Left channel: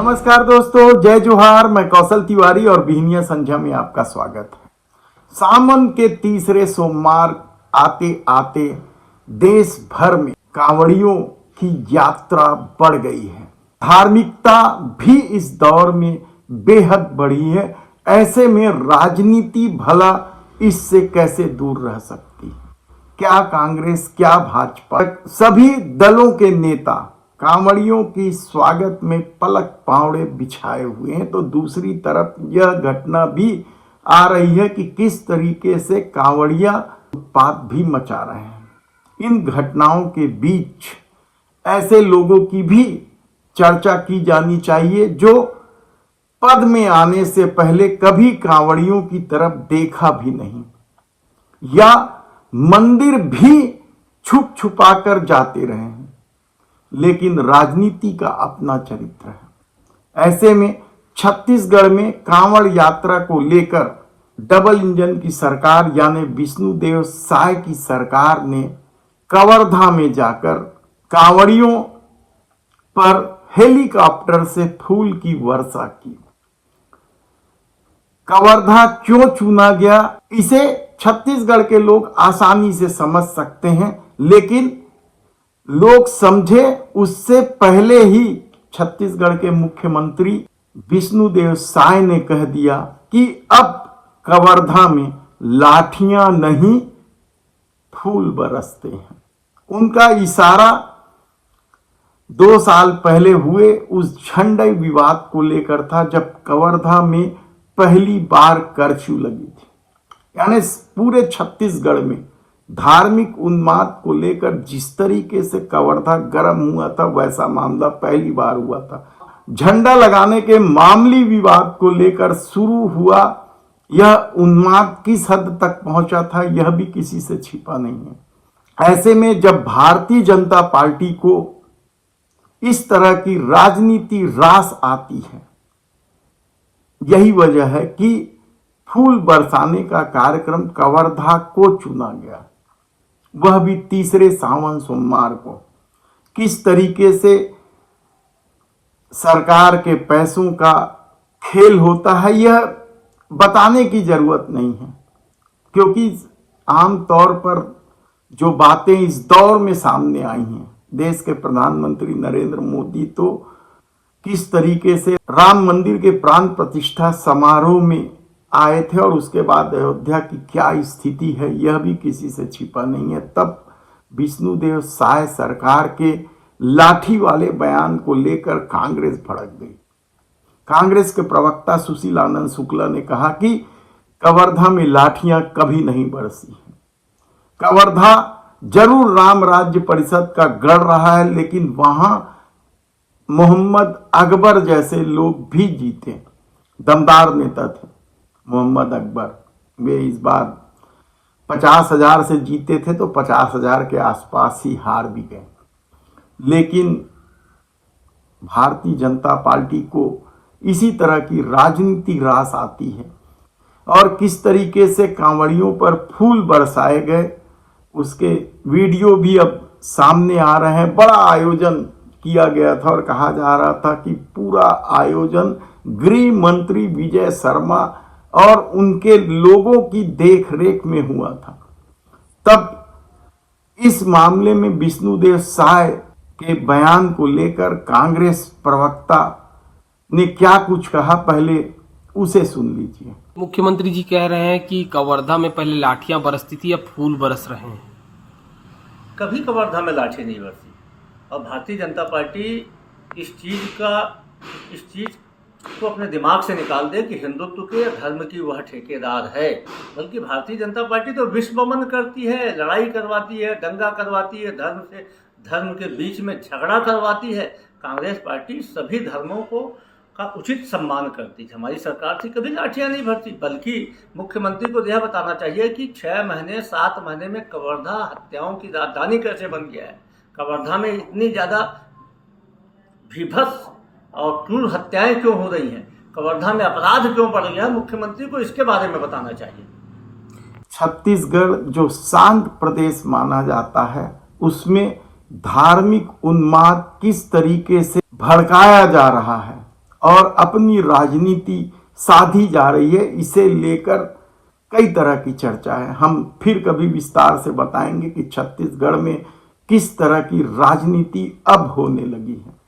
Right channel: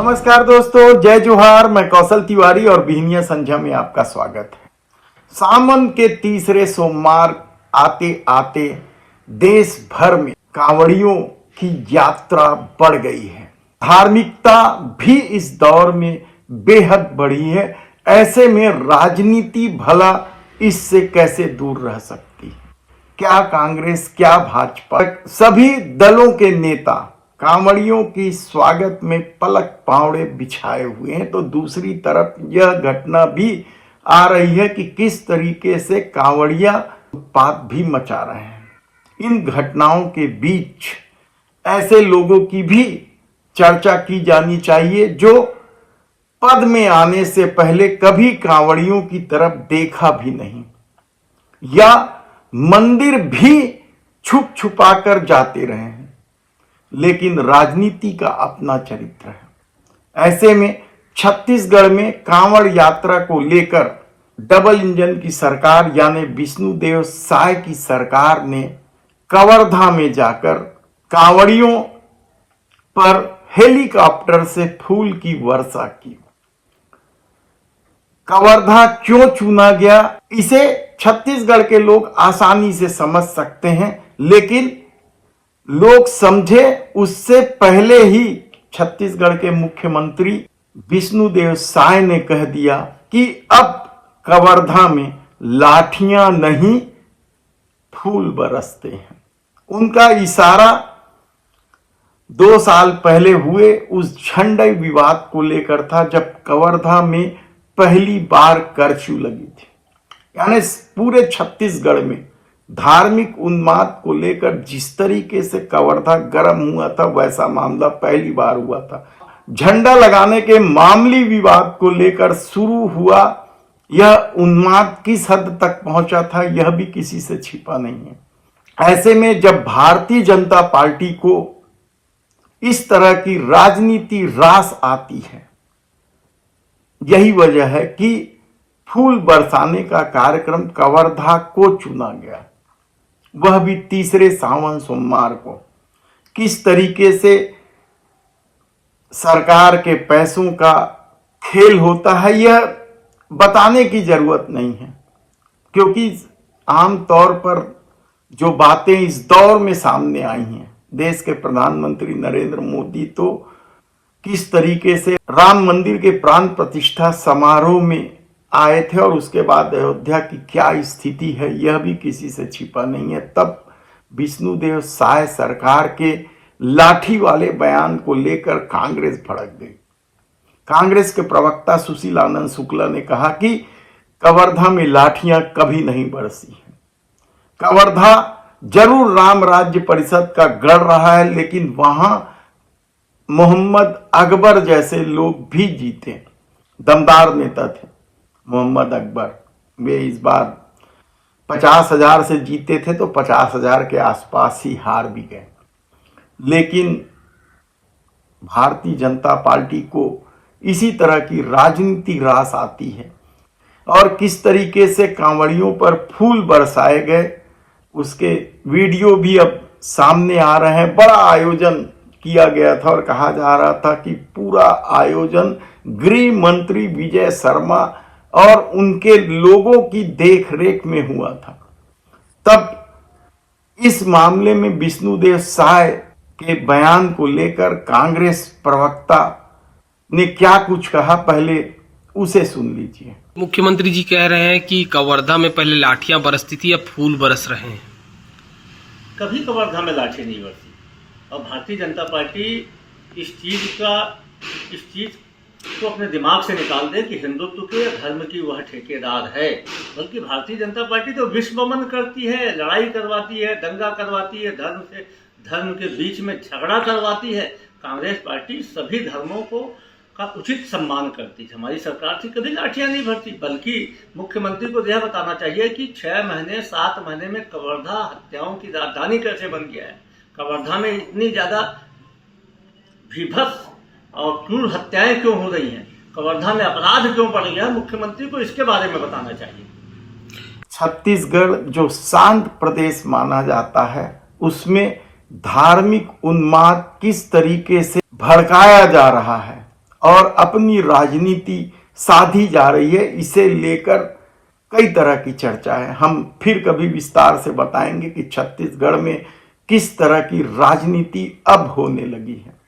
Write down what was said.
नमस्कार दोस्तों, जय जोहार। मैं कौशल तिवारी और बिहनिया संध्या में आपका स्वागत है। सावन के तीसरे सोमवार आते आते देश भर में कांवड़ियों की यात्रा बढ़ गई है। धार्मिकता भी इस दौर में बेहद बढ़ी है। ऐसे में राजनीति भला इससे कैसे दूर रह सकती है? क्या कांग्रेस, क्या भाजपा, सभी दलों के नेता कांवड़ियों की स्वागत में पलक पावड़े बिछाए हुए हैं, तो दूसरी तरफ यह घटना भी आ रही है कि किस तरीके से कांवड़िया उत्पात भी मचा रहे हैं। इन घटनाओं के बीच ऐसे लोगों की भी चर्चा की जानी चाहिए जो पद में आने से पहले कभी कांवड़ियों की तरफ देखा भी नहीं या मंदिर भी छुप छुपा कर जाते रहे हैं, लेकिन राजनीति का अपना चरित्र है। ऐसे में छत्तीसगढ़ में कांवड़ यात्रा को लेकर डबल इंजन की सरकार यानी विष्णुदेव साय की सरकार ने कवर्धा में जाकर कांवड़ियों पर हेलीकॉप्टर से फूल की वर्षा की। कवर्धा क्यों चुना गया, इसे छत्तीसगढ़ के लोग आसानी से समझ सकते हैं, लेकिन लोग समझे उससे पहले ही छत्तीसगढ़ के मुख्यमंत्री विष्णुदेव साय ने कह दिया कि अब कवर्धा में लाठियां नहीं फूल बरसते हैं। उनका इशारा 2 साल पहले हुए उस झंडे विवाद को लेकर था, जब कवर्धा में पहली बार कर्फ्यू लगी थी। यानी पूरे छत्तीसगढ़ में धार्मिक उन्माद को लेकर जिस तरीके से कवर्धा गर्म हुआ था, वैसा मामला पहली बार हुआ था। झंडा लगाने के मामूली विवाद को लेकर शुरू हुआ यह उन्माद किस हद तक पहुंचा था, यह भी किसी से छिपा नहीं है। ऐसे में जब भारतीय जनता पार्टी को इस तरह की राजनीति रास आती है, यही वजह है कि फूल बरसाने का कार्यक्रम कवर्धा को चुना गया, वह भी तीसरे सावन सोमवार को। किस तरीके से सरकार के पैसों का खेल होता है यह बताने की जरूरत नहीं है, क्योंकि आमतौर पर जो बातें इस दौर में सामने आई हैं, देश के प्रधानमंत्री नरेंद्र मोदी तो किस तरीके से राम मंदिर के प्राण प्रतिष्ठा समारोह में आए थे और उसके बाद अयोध्या की क्या स्थिति है यह भी किसी से छिपा नहीं है। तब विष्णुदेव साय सरकार के लाठी वाले बयान को लेकर कांग्रेस भड़क गई। कांग्रेस के प्रवक्ता सुशील आनंद शुक्ला ने कहा कि कवर्धा में लाठियां कभी नहीं बरसी हैं। कवर्धा जरूर राम राज्य परिषद का गढ़ रहा है, लेकिन वहां मोहम्मद अकबर जैसे लोग भी जीते, दमदार नेता थे मोहम्मद अकबर। वे इस बार 50,000 से जीते थे तो 50,000 के आसपास ही हार भी गए। लेकिन भारतीय जनता पार्टी को इसी तरह की राजनीति रास आती है और किस तरीके से कांवड़ियों पर फूल बरसाए गए उसके वीडियो भी अब सामने आ रहे हैं। बड़ा आयोजन किया गया था और कहा जा रहा था कि पूरा आयोजन गृह मंत्री विजय शर्मा और उनके लोगों की देखरेख में हुआ था। तब इस मामले में विष्णुदेव साय के बयान को लेकर कांग्रेस प्रवक्ता ने क्या कुछ कहा, पहले उसे सुन लीजिए। मुख्यमंत्री जी कह रहे हैं कि कवर्धा में पहले लाठियां बरसती थी, अब फूल बरस रहे हैं। कभी कवर्धा में लाठी नहीं बरसी और भारतीय जनता पार्टी इस चीज़ को अपने दिमाग से निकाल दे कि हिंदुत्व के धर्म की वह ठेकेदार है। बल्कि भारतीय जनता पार्टी तो विश्वमन करती है, लड़ाई करवाती है, दंगा करवाती है, धर्म के बीच में झगड़ा करवाती है। कांग्रेस पार्टी सभी धर्मों का उचित सम्मान करती है। हमारी सरकार थी कभी लाठियाँ नहीं भरती, बल्कि मुख्यमंत्री को यह बताना चाहिए कि 6 महीने 7 महीने में कवर्धा हत्याओं की राजधानी कैसे बन गया है। कवर्धा में इतनी ज़्यादा भीभत्स और क्रूर हत्याएं क्यों हो रही हैं, कवर्धा में अपराध क्यों बढ़ गया, मुख्यमंत्री को इसके बारे में बताना चाहिए। छत्तीसगढ़ जो शांत प्रदेश माना जाता है, उसमें धार्मिक उन्माद किस तरीके से भड़काया जा रहा है और अपनी राजनीति साधी जा रही है। इसे लेकर कई तरह की चर्चा है। हम फिर कभी विस्तार से बताएंगे कि छत्तीसगढ़ में किस तरह की राजनीति अब होने लगी है।